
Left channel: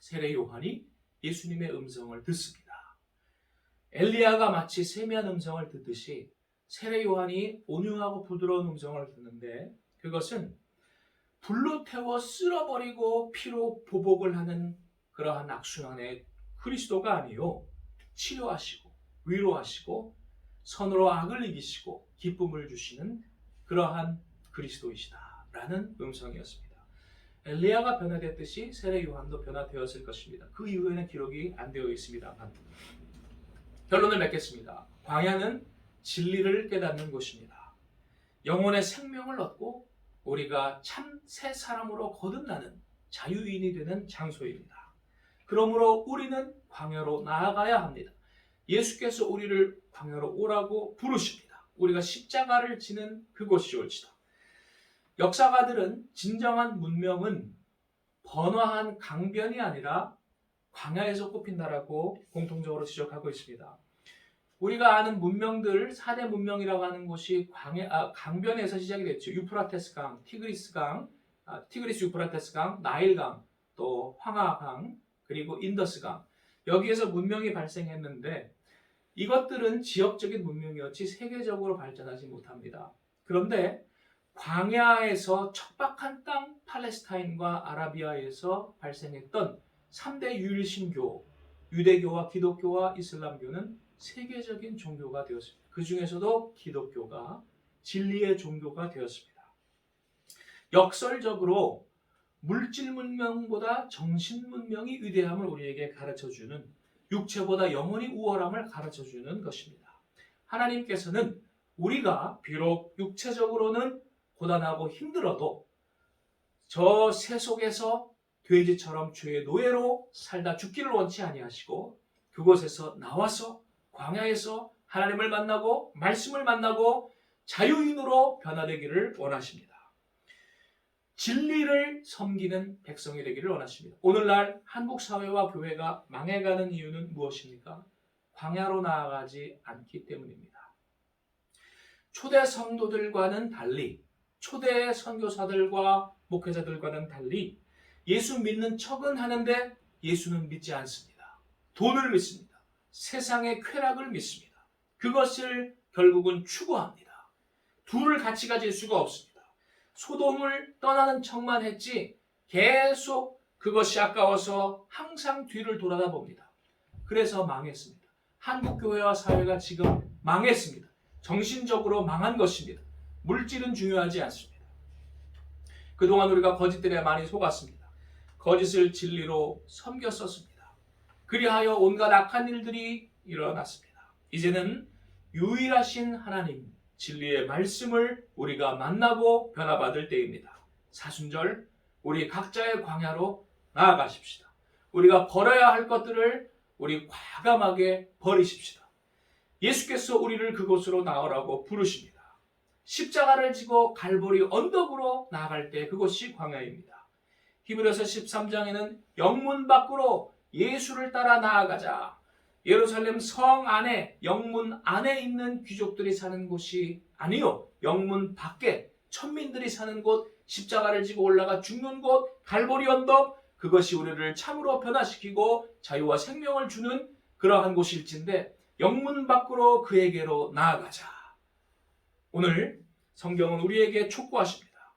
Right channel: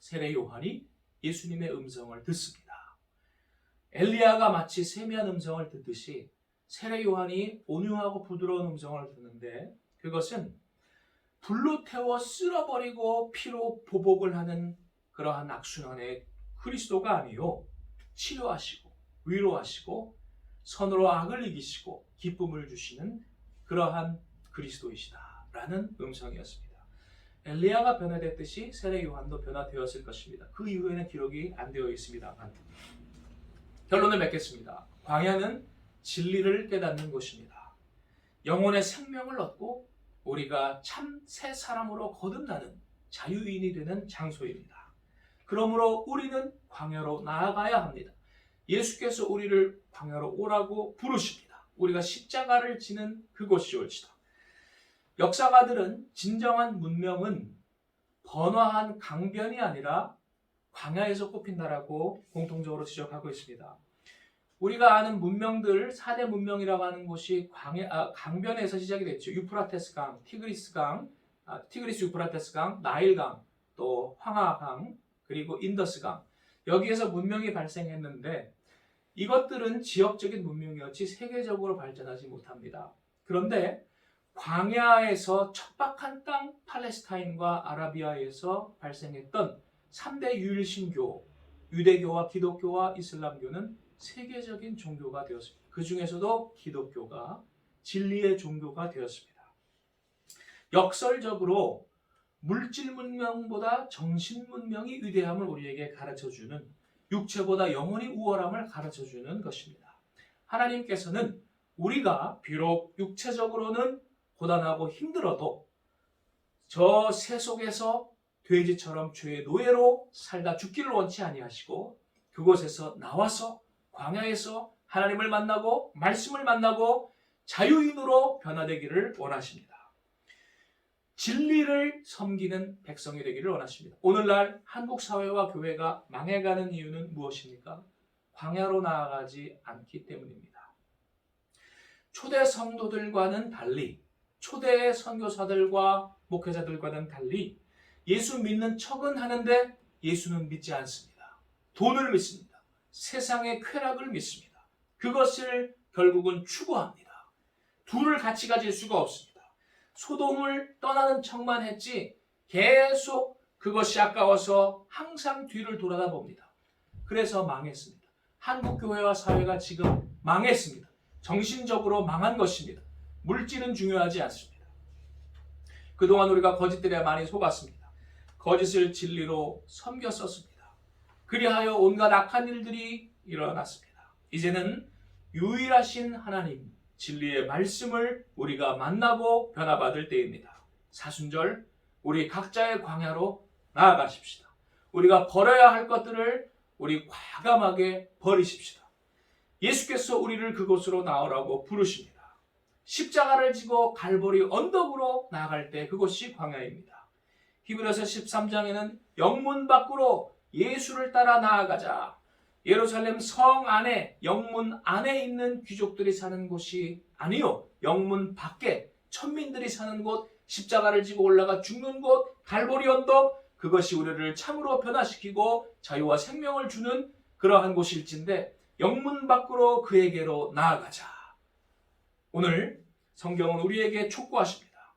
세례 요한이 예수님의 음성을 듣습니다. 엘리야가 마치 세미한 음성을 듣듯이 세례 요한이 온유하고 부드러운 음성을 듣는데 그것은 불로 태워 쓸어버리고 피로 보복을 하는 그러한 악순환의 그리스도가 아니요 치료하시고 위로하시고 선으로 악을 이기시고 기쁨을 주시는 그러한 그리스도이시다라는 음성이었습니다. 엘리야가 변화됐듯이 세례 요한도 변화되었을 것입니다. 그 이후에는 기록이 안 되어 있습니다만 결론을 맺겠습니다. 광야는 진리를 깨닫는 곳입니다. 영혼의 생명을 얻고 우리가 참 새 사람으로 거듭나는 자유인이 되는 장소입니다. 그러므로 우리는 광야로 나아가야 합니다. 예수께서 우리를 광야로 오라고 부르십니다. 우리가 십자가를 지는 그곳이 올지다. 역사가들은 진정한 문명은 번화한 강변이 아니라 광야에서 꼽힌다라고 공통적으로 지적하고 있습니다. 우리가 아는 문명들 4대 문명이라고 하는 곳이 강변에서 시작이 됐죠. 유프라테스 강, 티그리스 유프라테스 강, 나일 강, 또 황하강, 그리고 인더스 강. 여기에서 문명이 발생했는데 이것들은 지역적인 문명이었지 세계적으로 발전하지 못합니다. 그런데 광야에서 척박한 땅 팔레스타인과 아라비아에서 발생했던 3대 유일신교, 유대교와 기독교와 이슬람교는 세계적인 종교가 되었습니다. 그 중에서도 기독교가 진리의 종교가 되었습니다. 역설적으로 물질 문명보다 정신 문명이 위대함을 우리에게 가르쳐주는 육체보다 영혼이 우월함을 가르쳐주는 것입니다. 하나님께서는 우리가 비록 육체적으로는 고단하고 힘들어도 저 세속에서 돼지처럼 죄의 노예로 살다 죽기를 원치 아니하시고 그곳에서 나와서 광야에서 하나님을 만나고 말씀을 만나고 자유인으로 변화되기를 원하십니다. 진리를 섬기는 백성이 되기를 원하십니다. 오늘날 한국 사회와 교회가 망해가는 이유는 무엇입니까? 광야로 나아가지 않기 때문입니다. 초대 성도들과는 달리, 초대 선교사들과 목회자들과는 달리 예수 믿는 척은 하는데 예수는 믿지 않습니다. 돈을 믿습니다. 세상의 쾌락을 믿습니다. 그것을 결국은 추구합니다. 둘을 같이 가질 수가 없습니다. 소돔을 떠나는 척만 했지 계속 그것이 아까워서 항상 뒤를 돌아다 봅니다. 그래서 망했습니다. 한국 교회와 사회가 지금 망했습니다. 정신적으로 망한 것입니다. 물질은 중요하지 않습니다. 그동안 우리가 거짓들에 많이 속았습니다. 거짓을 진리로 섬겼었습니다. 그리하여 온갖 악한 일들이 일어났습니다. 이제는 유일하신 하나님, 진리의 말씀을 우리가 만나고 변화받을 때입니다. 사순절, 우리 각자의 광야로 나아가십시다. 우리가 버려야 할 것들을 우리 과감하게 버리십시다. 예수께서 우리를 그곳으로 나오라고 부르십니다. 십자가를 지고 갈보리 언덕으로 나아갈 때 그곳이 광야입니다. 히브리서 13장에는 영문 밖으로 예수를 따라 나아가자. 예루살렘 성 안에, 영문 안에 있는 귀족들이 사는 곳이 아니요, 영문 밖에 천민들이 사는 곳, 십자가를 지고 올라가 죽는 곳, 갈보리 언덕, 그것이 우리를 참으로 변화시키고 자유와 생명을 주는 그러한 곳일진데 영문 밖으로 그에게로 나아가자. 오늘 성경은 우리에게 촉구하십니다.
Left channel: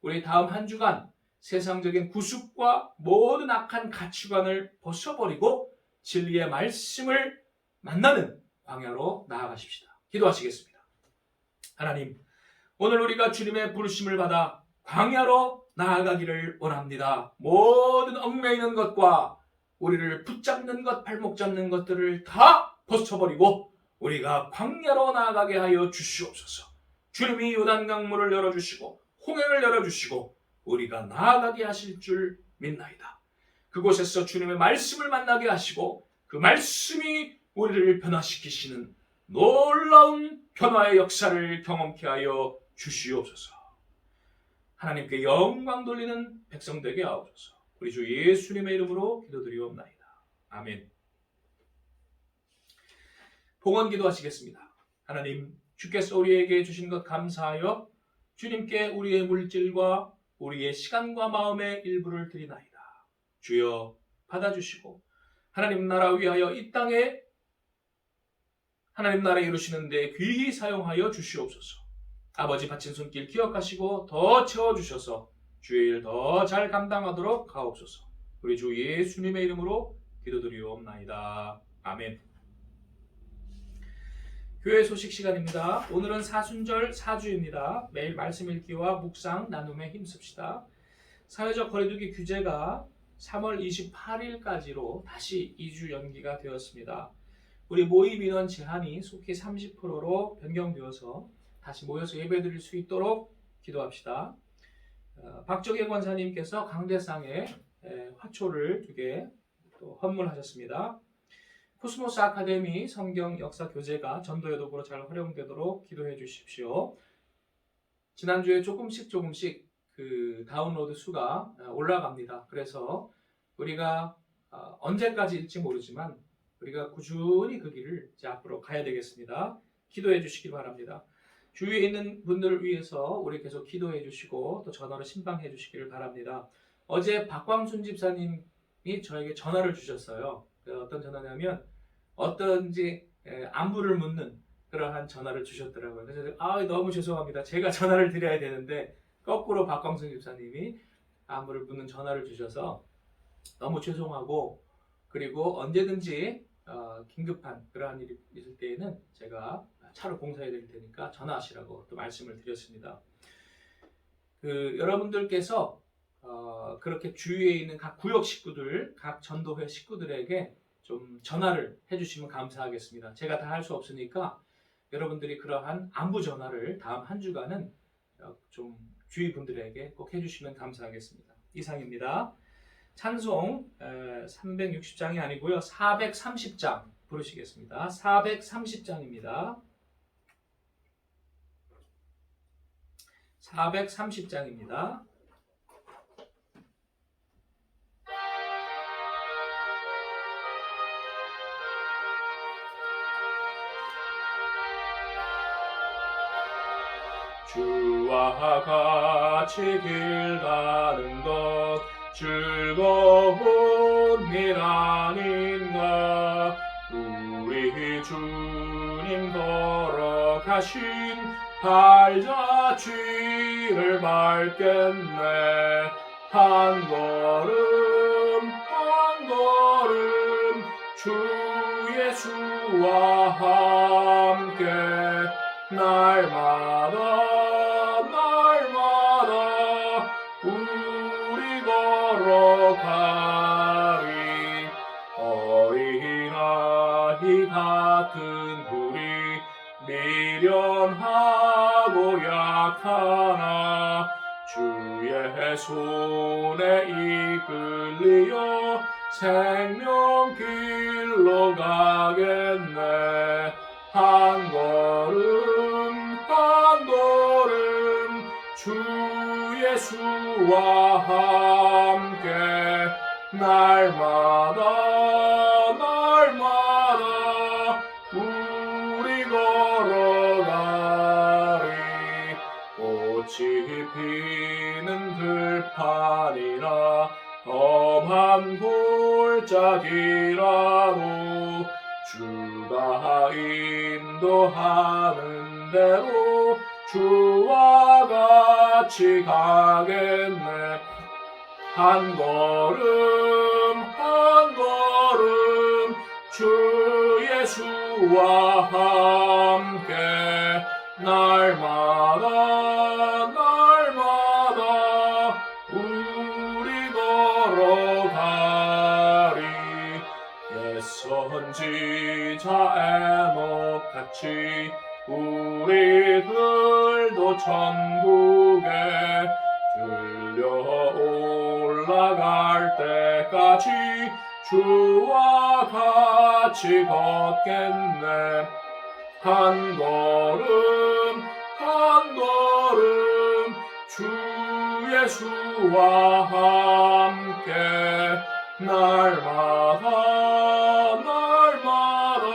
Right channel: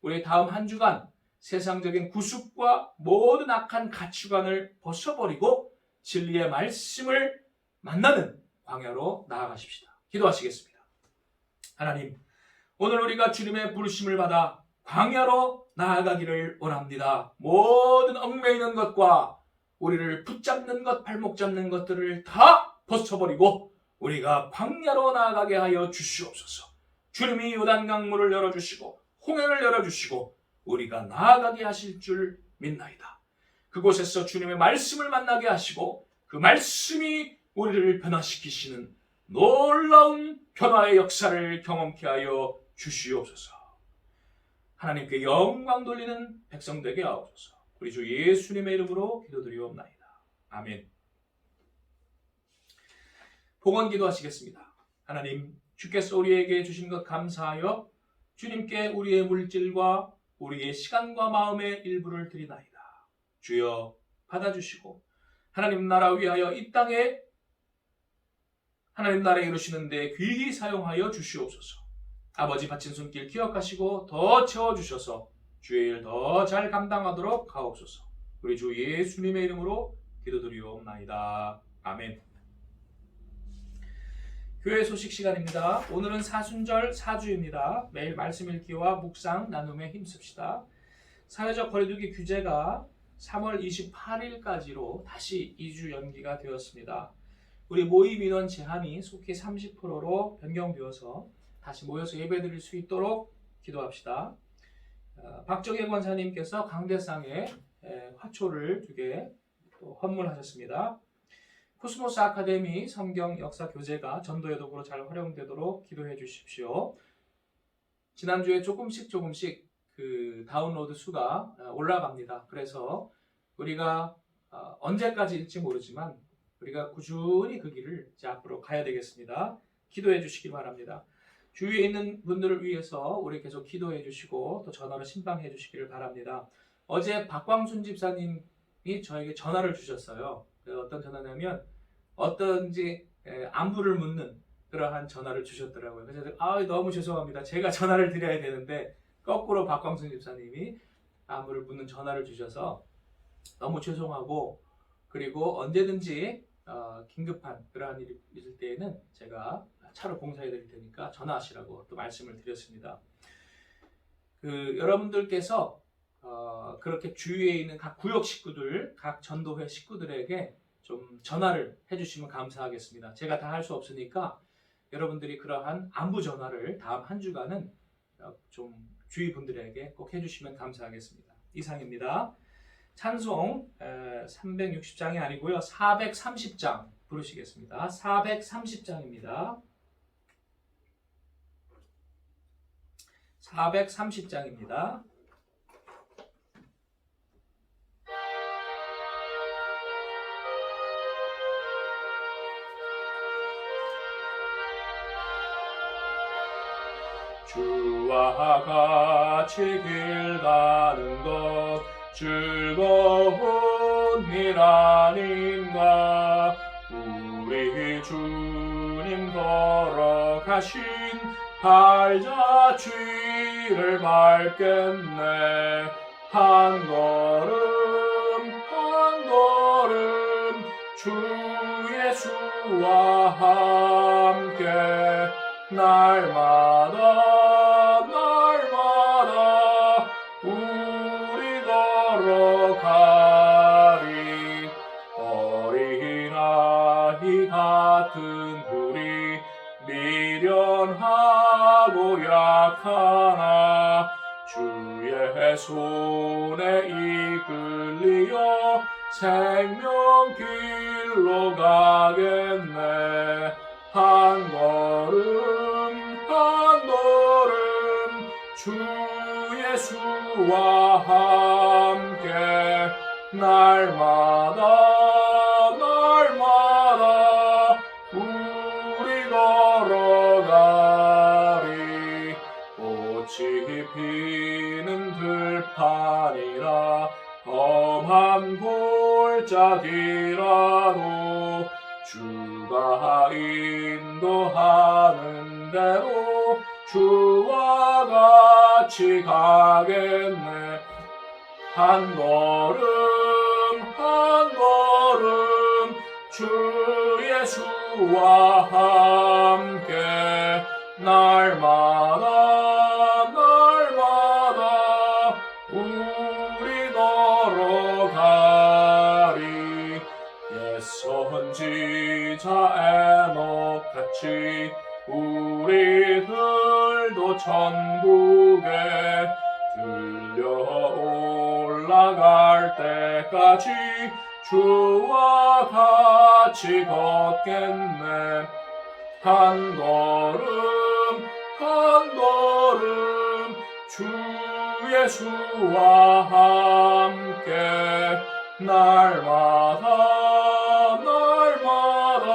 우리 다음 한 주간 세상적인 구습과 모든 악한 가치관을 벗어버리고 진리의 말씀을 만나는 광야로 나아가십시다. 기도하시겠습니다. 하나님, 오늘 우리가 주님의 부르심을 받아 광야로 나아가기를 원합니다. 모든 얽매이는 것과 우리를 붙잡는 것, 발목 잡는 것들을 다 벗어버리고 우리가 광야로 나아가게 하여 주시옵소서. 주님이 요단강물을 열어주시고 홍해를 열어주시고 우리가 나아가게 하실 줄 믿나이다. 그곳에서 주님의 말씀을 만나게 하시고 그 말씀이 우리를 변화시키시는 놀라운 변화의 역사를 경험케 하여 주시옵소서. 하나님께 영광 돌리는 백성 되게 하옵소서. 우리 주 예수님의 이름으로 기도드리옵나이다. 아멘. 봉헌 기도하시겠습니다. 하나님, 주께서 우리에게 주신 것 감사하여 주님께 우리의 물질과 우리의 시간과 마음의 일부를 드리나이다. 주여 받아주시고 하나님 나라 위하여 이 땅에 하나님 나라 이루시는데 귀히 사용하여 주시옵소서. 아버지 바친 손길 기억하시고 더 채워주셔서 주의 일 더 잘 감당하도록 하옵소서. 우리 주 예수님의 이름으로 기도드리옵나이다. 아멘. 교회 소식 시간입니다. 오늘은 사순절 4주입니다. 매일 말씀 읽기와 묵상 나눔에 힘씁시다. 사회적 거리두기 규제가 3월 28일까지로 다시 2주 연기가 되었습니다. 우리 모임 인원 제한이 속히 30%로 변경되어서 다시 모여서 예배드릴 수 있도록 기도합시다. 박정혜 권사님께서 강대상에 화초를 2개 또 헌물하셨습니다. 코스모스 아카데미 성경 역사 교재가 전도의 도구로 잘 활용되도록 기도해 주십시오. 지난주에 조금씩 그 다운로드 수가 올라갑니다. 그래서 우리가 언제까지 일지 모르지만 우리가 꾸준히 그 길을 이제 앞으로 가야 되겠습니다. 기도해 주시기 바랍니다. 주위에 있는 분들을 위해서 우리 계속 기도해 주시고 또 전화로 신방해 주시기를 바랍니다. 어제 박광순 집사님이 저에게 전화를 주셨어요. 어떤 전화냐면 어떤지 안부를 묻는 그러한 전화를 주셨더라고요. 그래서 너무 죄송합니다. 제가 전화를 드려야 되는데 거꾸로 박광순 집사님이 안부를 묻는 전화를 주셔서 너무 죄송하고, 그리고 언제든지 긴급한 그러한 일이 있을 때에는 제가 차로 봉사해 드릴 테니까 전화하시라고 또 말씀을 드렸습니다. 여러분들께서 그렇게 주위에 있는 각 구역 식구들, 각 전도회 식구들에게 좀 전화를 해주시면 감사하겠습니다. 제가 다 할 수 없으니까 여러분들이 그러한 안부 전화를 다음 한 주간은 좀 주위 분들에게 꼭 해주시면 감사하겠습니다. 이상입니다. 찬송 360장이 아니고요, 430장 부르시겠습니다. 430장입니다. 430장입니다. 주와 같이 길 가는 것 즐거운 일 아닌가. 우리 주님 걸어가신 발자취를 밟겠네. 한 걸음 한 걸음 주 예수와 함께 날마다 날마다 우리 걸어가리. 어린아이 같은 우리 미련하고 약하나 주의 손에 이끌리어 생명길로 가겠네. 한 걸음 한 걸음 주 예수와 함께 날마다 날마다 우리 걸어가리. 꽃이 피는 들판이나 험한 골짜기라도 주가 인도하는 대로 주와 같이 가겠네. 한 걸음 한 걸음 주 예수와 함께 날마다 날마다 우리 걸어가리. 옛 선지자 에녹같이 우리들도 천국에 들려 올라갈 때까지 주와 같이 걷겠네. 한 걸음 한 걸음 주 예수와 함께 날마다 날마다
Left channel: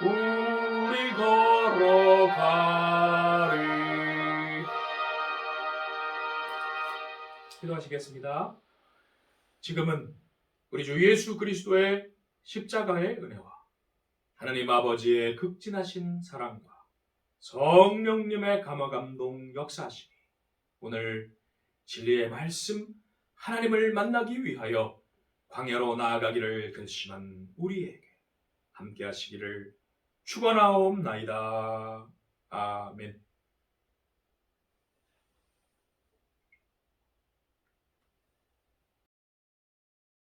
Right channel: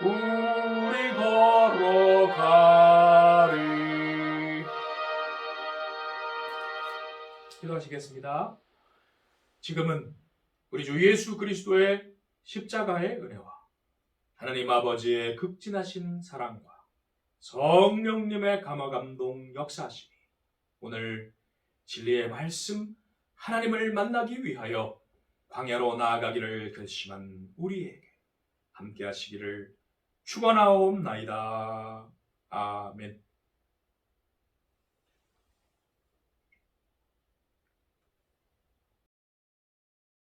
우리 걸어가리. 기도하시겠습니다. 지금은 우리 주 예수 그리스도의 십자가의 은혜와 하나님 아버지의 극진하신 사랑과 성령님의 감화감동 역사하심이 오늘 진리의 말씀 하나님을 만나기 위하여 광야로 나아가기를 결심한 우리에게 함께 하시기를 축원하옵나이다. 아멘.